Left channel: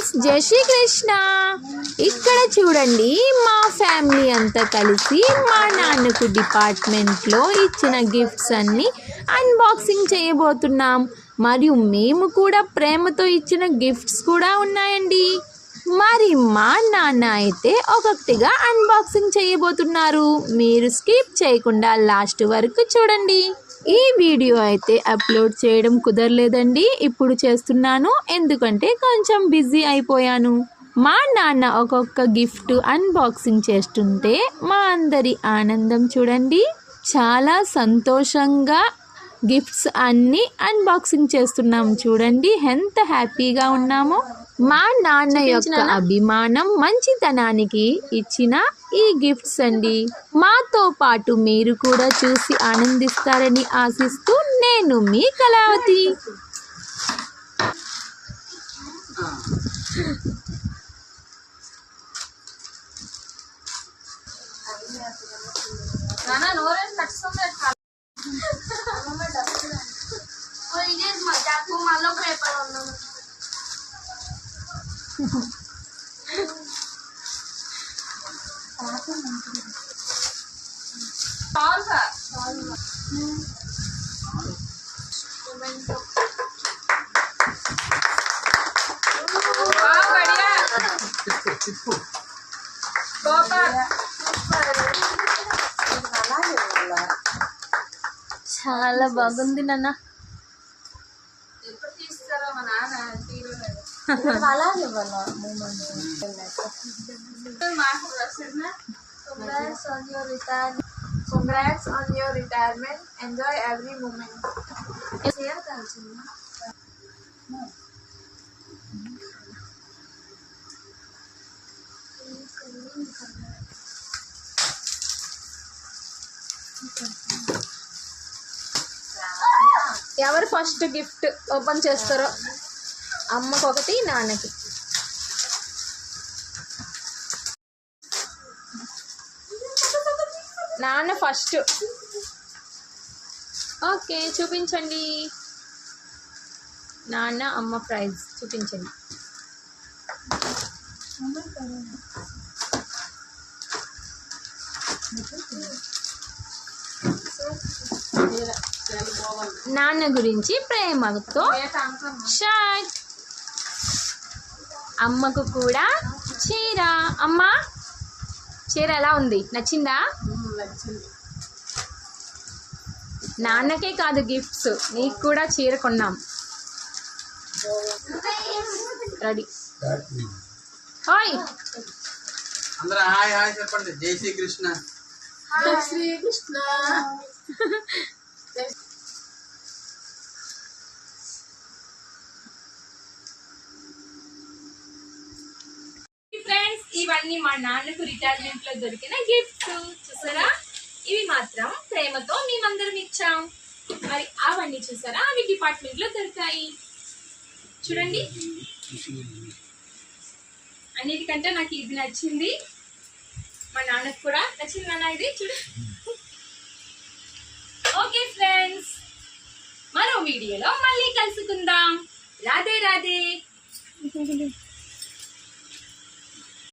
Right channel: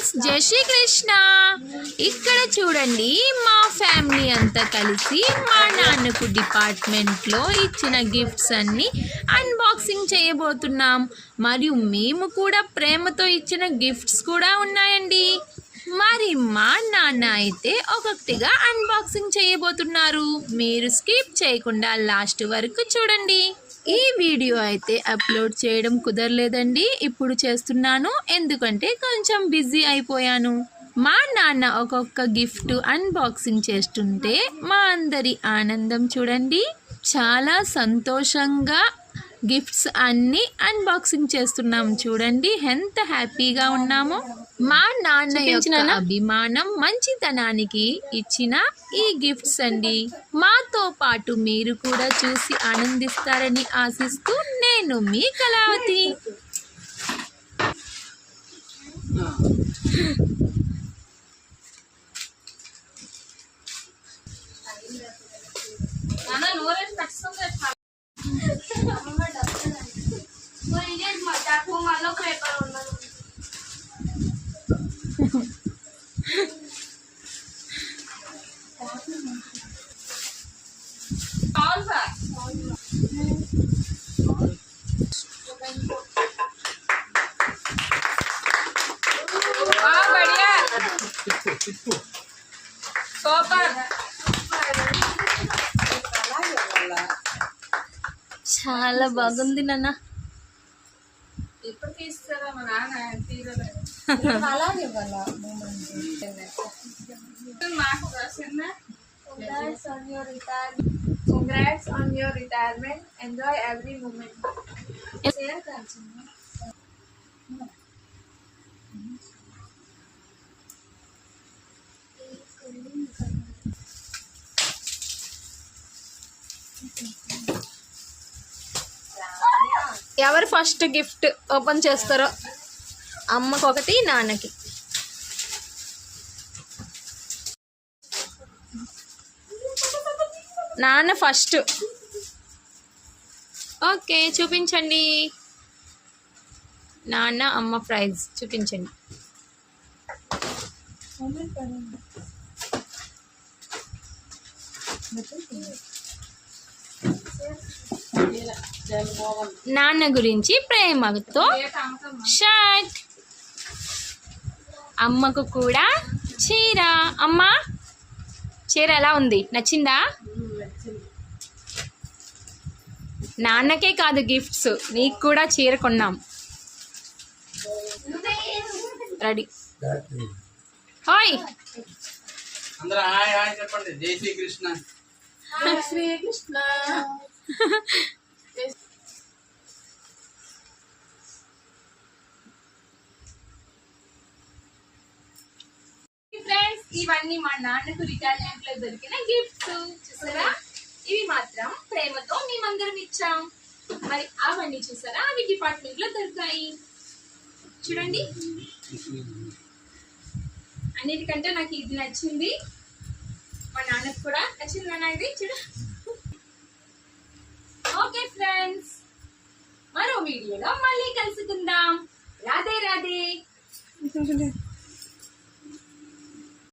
Friends, జై శ్రీ కృష్ణ. ఇక్కడ చూడండి, మా ఫ్యామిలీ అంతా కలిసి మా నాన్నకు డిపార్ట్మెంట్లో ఇచ్చిన గిఫ్ట్స్ అన్ని అన్బాక్సింగ్ చేయబోతున్నాం. మరియు మేము కూడా ప్రేమతో ఇచ్చిన గిఫ్ట్స్ కూడా ఉన్నాయండి. మరి మా నాన్న అయితే ఒక్కొక్కటిగా అన్బాక్సింగ్ చేయబోతున్నారు. మీరు స్కిప్ చేయకుండా లాస్ట్ వరకు చూడండి. ఈ వీడియో అయితే అప్లోడ్ చేయడం కుదరలేదండి, ఇప్పుడు చేస్తున్నాను ఎందుకంటే కొంచెం బిజీ అయిపోయాను. మా నాన్న ఒక్కొక్క గిఫ్ట్ అన్బాక్సింగ్ చేస్తుంటే మా అందరి ఆనందం చూడండి. చాలా సంతోషంగా గిఫ్ట్స్ అన్నీ అన్బాక్సింగ్ చేస్తున్నాం. చూడండి ఎంత హ్యాపీగా ఉన్నామో. మా నాన్న యొక్క అభిమానం, మంచితనానికి ఇచ్చిన ఈ గిఫ్ట్స్ అండి. మాతో పాటు మీరు కూడా చూసి ఆనందిస్తారని ఆశిస్తూ నేను మీ కళావతి. చాలా బాగుంది నాన్న. ఎప్పుడు తీస్తారా మా నాన్న? Congrats on your retirement. Enjoy every moment. Share karchina. ఎవరు ఫస్ట్ గిఫ్ట్ ఓపెన్ చేస్తారో, అమ్మకు ఒకటి, నాన్నకి. నాన్న ఫస్ట్. ఓకే, చూపించండి. నాన్న అమ్మ ప్రైజ్ చూపించండి. నాన్న గురించి ప్రేమతో షర్ట్, అమ్మకు కూడా చీర. అమ్మ చీర ఎలా ఉంది, నచ్చిందా? నాన్నకే కాదు గిఫ్ట్స్, నీకు కూడా చీర కొన్నాం. రెడీ? హాయ్ అందరూ హాయ్ హాయ్ చెప్పండి. జై Shri Krishna. Jai Shri Krishna. Friends, ఇవన్నీ మా నాన్నకు రిటైర్మెంట్ లో దొరికిన గిఫ్ట్స్ చూసారా. ఇవి మాత్రం ప్రేమతో మేమందరం ఇచ్చాం. మరి అవన్నీ చూసారా, అవి డిపార్ట్మెంట్ లో దొరికాయి. చూడండి, అన్నిటికంటే నాకు ఇది నచ్చింది. మా నాన్నకు కూడా నచ్చింది నాన్న, ఇది చూడ. ఓకే ఫ్రెండ్స్, మరో వీడియోలో మళ్ళీ కలుసుకుందాం. రాధే రాధే.